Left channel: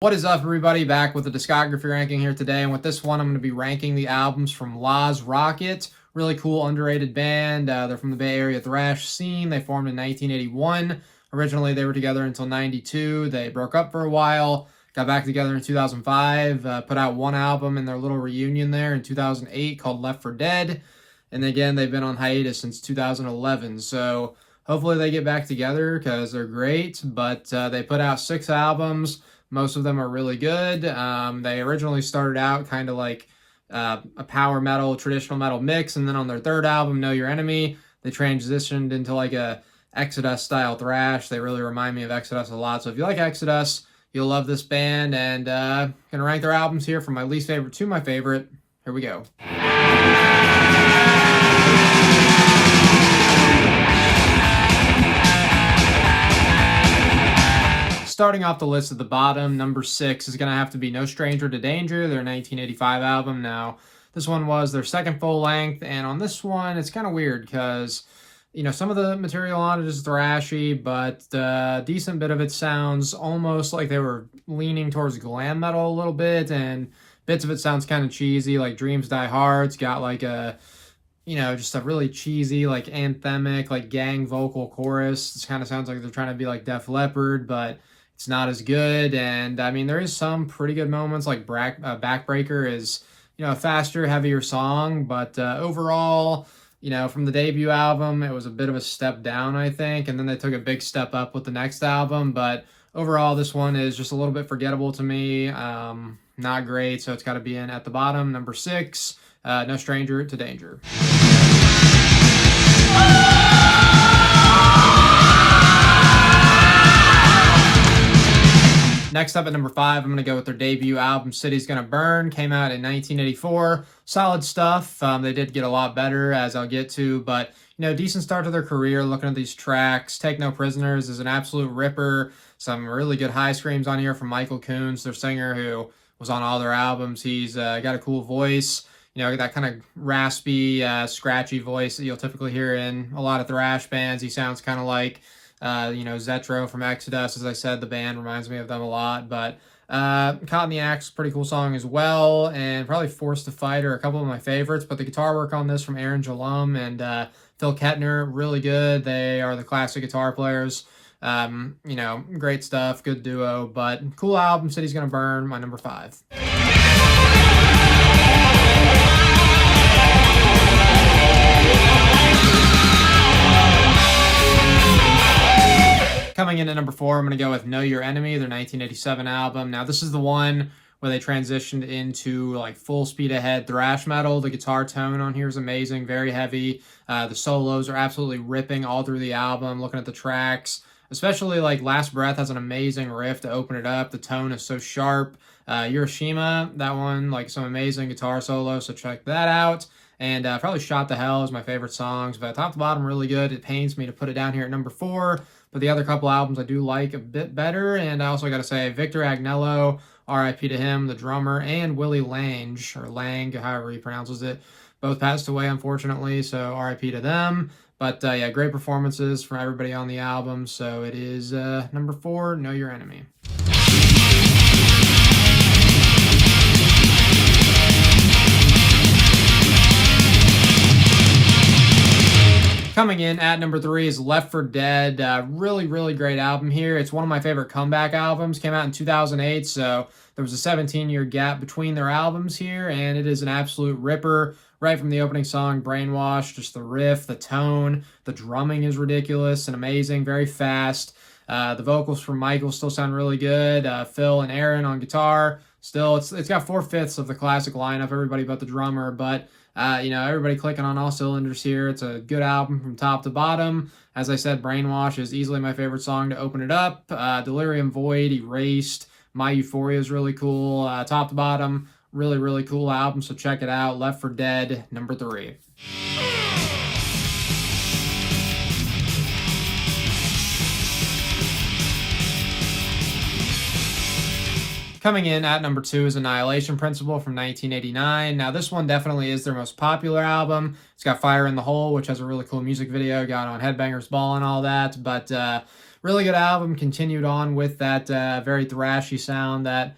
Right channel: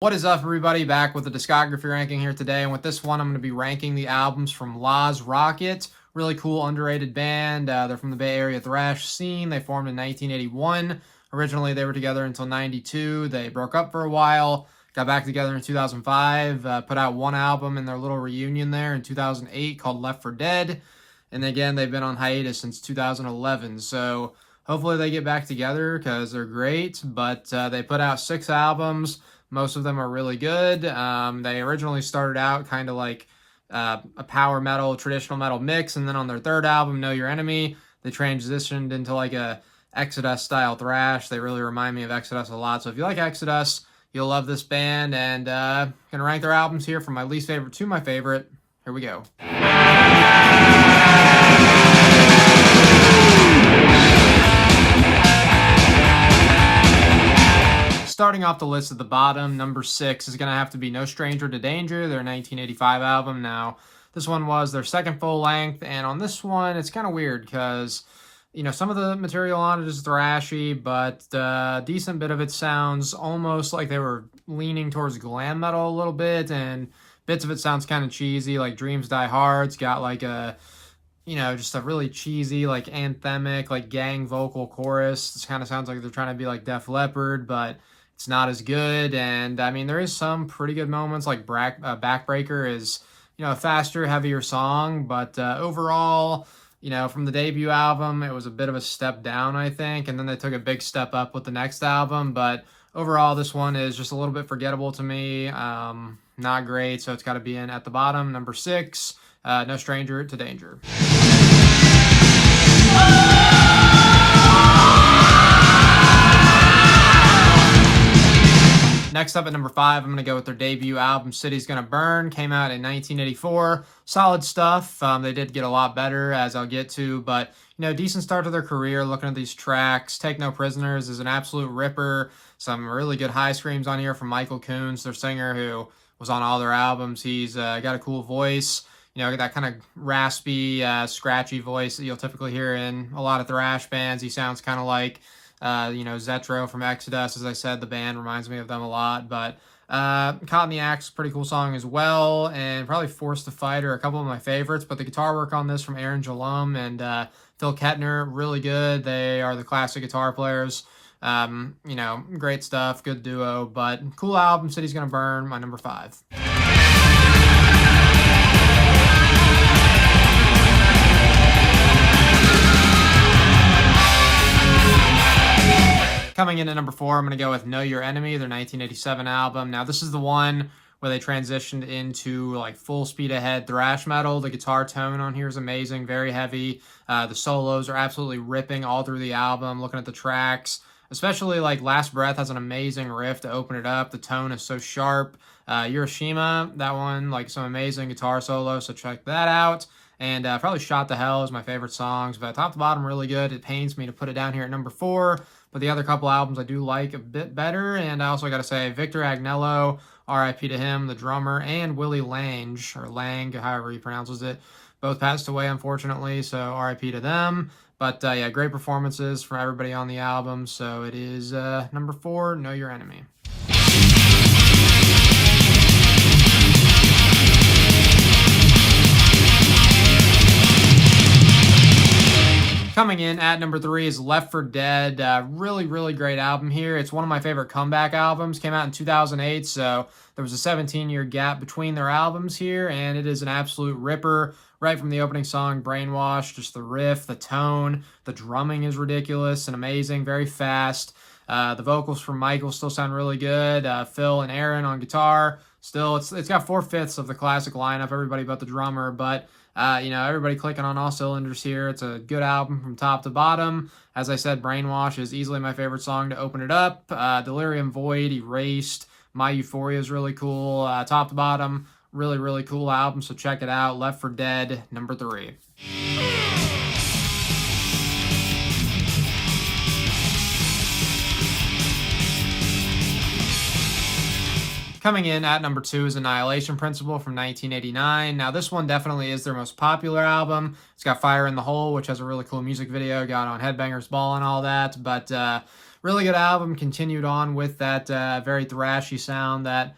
What is up, everybody? Back with the discography ranking here today, and with this one I'm going to be ranking the albums from LȧÄZ Rockit. Really cool, underrated band. They're from the Bay Area thrash scene. They formed in 1981. Originally they were together until 92. They broke up for a while, got back together in 2005, put out one album in their little reunion there in 2008 called Left for Dead, and again they've been on hiatus since 2011. So hopefully they get back together because they're great, but they put out 6 albums. Most of them are really good. They originally started out kind of like a power metal, traditional metal mix, and then on their third album, Know Your Enemy, they transitioned into like a Exodus style thrash. They really remind me of Exodus a lot. So if you like Exodus, you'll love this band. And gonna rank their albums here from my least favorite to my favorite. Here we go. Starting off the list at the bottom, number 6 is going to have to be No Stranger to Danger, their 1985 album. Now, this one was their second full length, and on this one, it's kind of weird because, you know, some of the material on it is thrashy, but a decent bit of it sounds almost like they were leaning towards glam metal a little bit, and bits of it sounds kind of cheesy, like Dreams Die Hard's got like a, you know, just a really cheesy, like anthemic, like gang vocal chorus. It kind of sounds like they're trying to be like Def Leppard, but it's not as good. And I mean, there is some pretty good moments, like Backbreaker is, you know, a faster, heavier song, but overall, you know, from the debut album, it was a bit of a step down, I think, and then they took a big step up with the next album, but overall, this one is just a little bit forgettable to me. Not great, so it's got to be in at the bottom. Number 6, No Stranger to Danger. Next up at number 5, I'm going to go with their debut album, City's Gonna Burn. Came out in 1984. Solid stuff. They did get a lot better, as I'll get to, but, you know, decent start to their career. Looking at these tracks, Take No Prisoners is an absolute ripper. Some really good high screams on here from Michael Coons, their singer, who was on all their albums. He's got a cool voice. You know, that kind of raspy, scratchy voice that you'll typically hear in a lot of thrash bands. He sounds kind of like you know, Zetro from Exodus. As I said, the band reminds me of them a lot, but Caught in the Axe, pretty cool song as well, and probably Forced to Fight are a couple of my favorites, but the guitar work on this from Aaron Jalum and Phil Kettner, really good. They are the classic guitar players. You know, great stuff, good duo, but cool album. City's Gonna Burn, my number 5. Coming in at number 4, I'm going to go with Know Your Enemy, their 1987 album. Now, this is the one where they transitioned into like full speed ahead thrash metal. The guitar tone on here is amazing, very heavy. The solos are absolutely ripping all through the album. Looking at the tracks, especially like Last Breath has an amazing riff to open it up. The tone is so sharp. Hiroshima, that one, like some amazing guitar solo, so check that out. And probably Shot to Hell is my favorite songs, but top to bottom, really good. It pains me to put it down here at number 4. But the other couple albums I do like a bit better. And I also got to say, Victor Agnello, R.I.P. to him, the drummer, and Willie Lange, or Lang, however he pronounces it, both passed away, unfortunately, so R.I.P. to them. But yeah, great performances from everybody on the album. So it is number 4, Know Your Enemy. Coming in at number 3 is Left for Dead. Really, really great album here. It's one of my favorite comeback albums. Came out in 2008, so there was a 17-year gap between their albums here, and it is an absolute ripper. Right from the opening song, Brainwash, just the riff, the tone, the drumming is ridiculous and amazing, very fast. The vocals from Michael still sound really good. Phil and Aaron on guitar. Still, it's got 4/5 of the classic lineup, everybody but the drummer, but you know, everybody clicking on all cylinders here. It's a good album from top to bottom. As I said, Brainwash is easily my favorite song to open it up. Delirium Void, Erased, My Euphoria is really cool. Top to bottom, really, really cool album, so check it out. Left for Dead, number 3. Coming in at number 2 is Annihilation Principle from 1989. Now, this one definitely is their most popular album. It's got Fire in the Hole, which has a really cool music video, got on Headbangers Ball and all that, but really good album. Continued on with that very thrashy sound that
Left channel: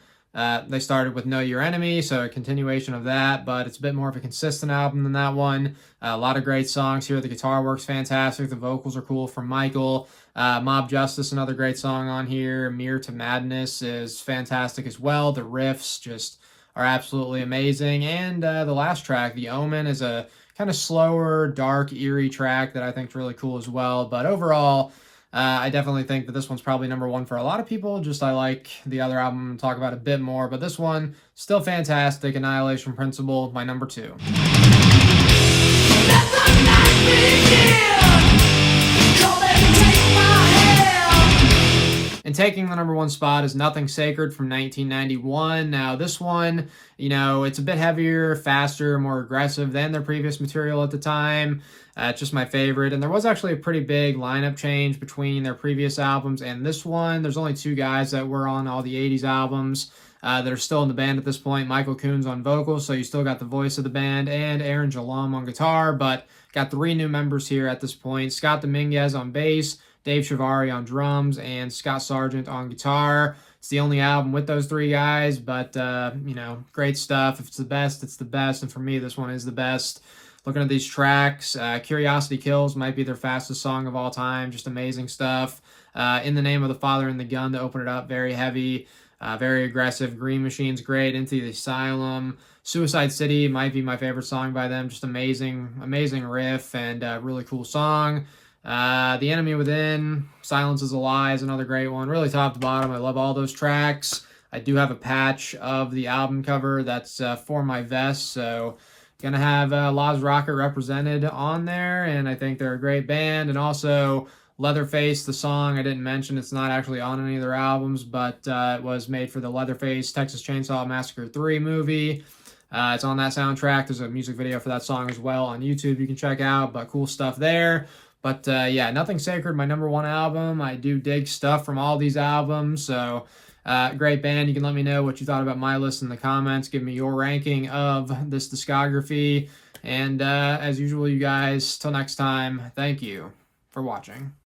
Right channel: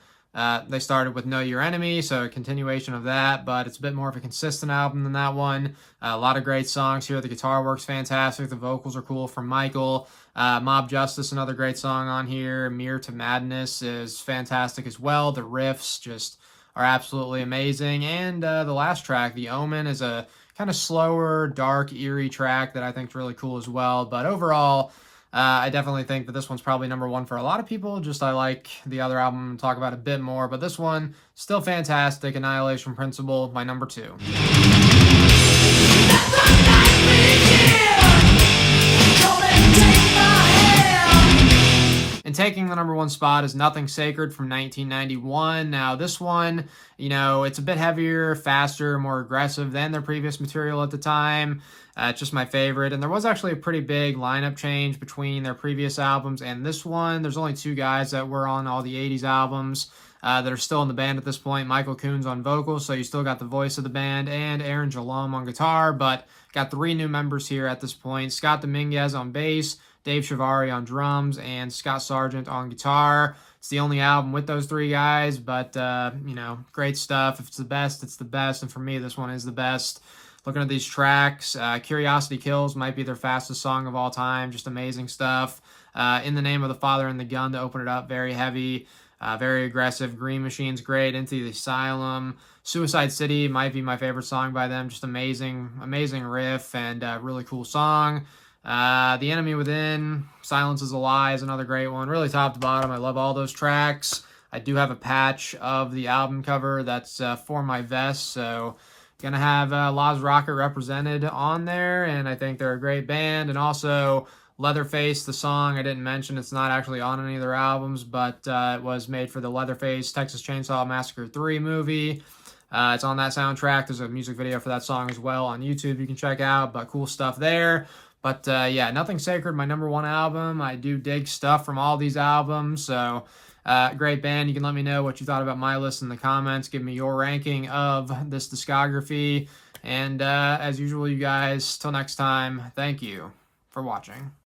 they started with Know Your Enemy, so a continuation of that, but it's a bit more of a consistent album than that one. A lot of great songs here. The guitar work's fantastic. The vocals are cool from Michael. Mob Justice, another great song on here. Mirror to Madness is fantastic as well. The riffs just are absolutely amazing. And the last track, The Omen, is a kind of slower, dark, eerie track that I think is really cool as well. But overall, I definitely think that this one's probably number one for a lot of people. Just I like the other album, talk about it a bit more. But this one, still fantastic. Annihilation Principle, my number 2. And taking the number 1 spot is Nothing Sacred from 1991. Now, this one, you know, it's a bit heavier, faster, more aggressive than their previous material at the time. It's just my favorite. And there was actually a pretty big lineup change between their previous albums and this one. There's only 2 guys that were on all the 80s albums that are still in the band at this point. Michael Coons on vocals, so you still got the voice of the band, and Aaron Jalom on guitar, but got 3 new members here at this point. Scott Dominguez on bass, Dave Shivari on drums, and Scott Sargent on guitar. It's the only album with those 3 guys, but, you know, great stuff. If it's the best, it's the best, and for me, this one is the best. Looking at these tracks, Curiosity Kills might be their fastest song of all time. Just amazing stuff. In the Name of the Father and the Gun to open it up, very heavy, very aggressive. Green Machine's great. Into the Asylum. Suicide City might be my favorite song by them. Just amazing, amazing riff and really cool song. The Enemy Within, Silence is a Lie is another great one. Really top to bottom. I love all those tracks. I do have a patch of the album cover that's for my vest, so gonna have LȧÄZ Rockit represented on there, and I think they're a great band. And also Leatherface, the song I didn't mention, it's not actually on any of their albums, but it was made for the Leatherface Texas Chainsaw Massacre 3 movie. It's on that soundtrack. There's a music video for that song as well on YouTube you can check out, but cool stuff there. But yeah, Nothing Sacred, my number 1 album. I do dig stuff from all these albums, so great band. You can let me know what you thought about my list in the comments. Give me your ranking of this discography. And as usual, you guys, till next time, thank you for watching.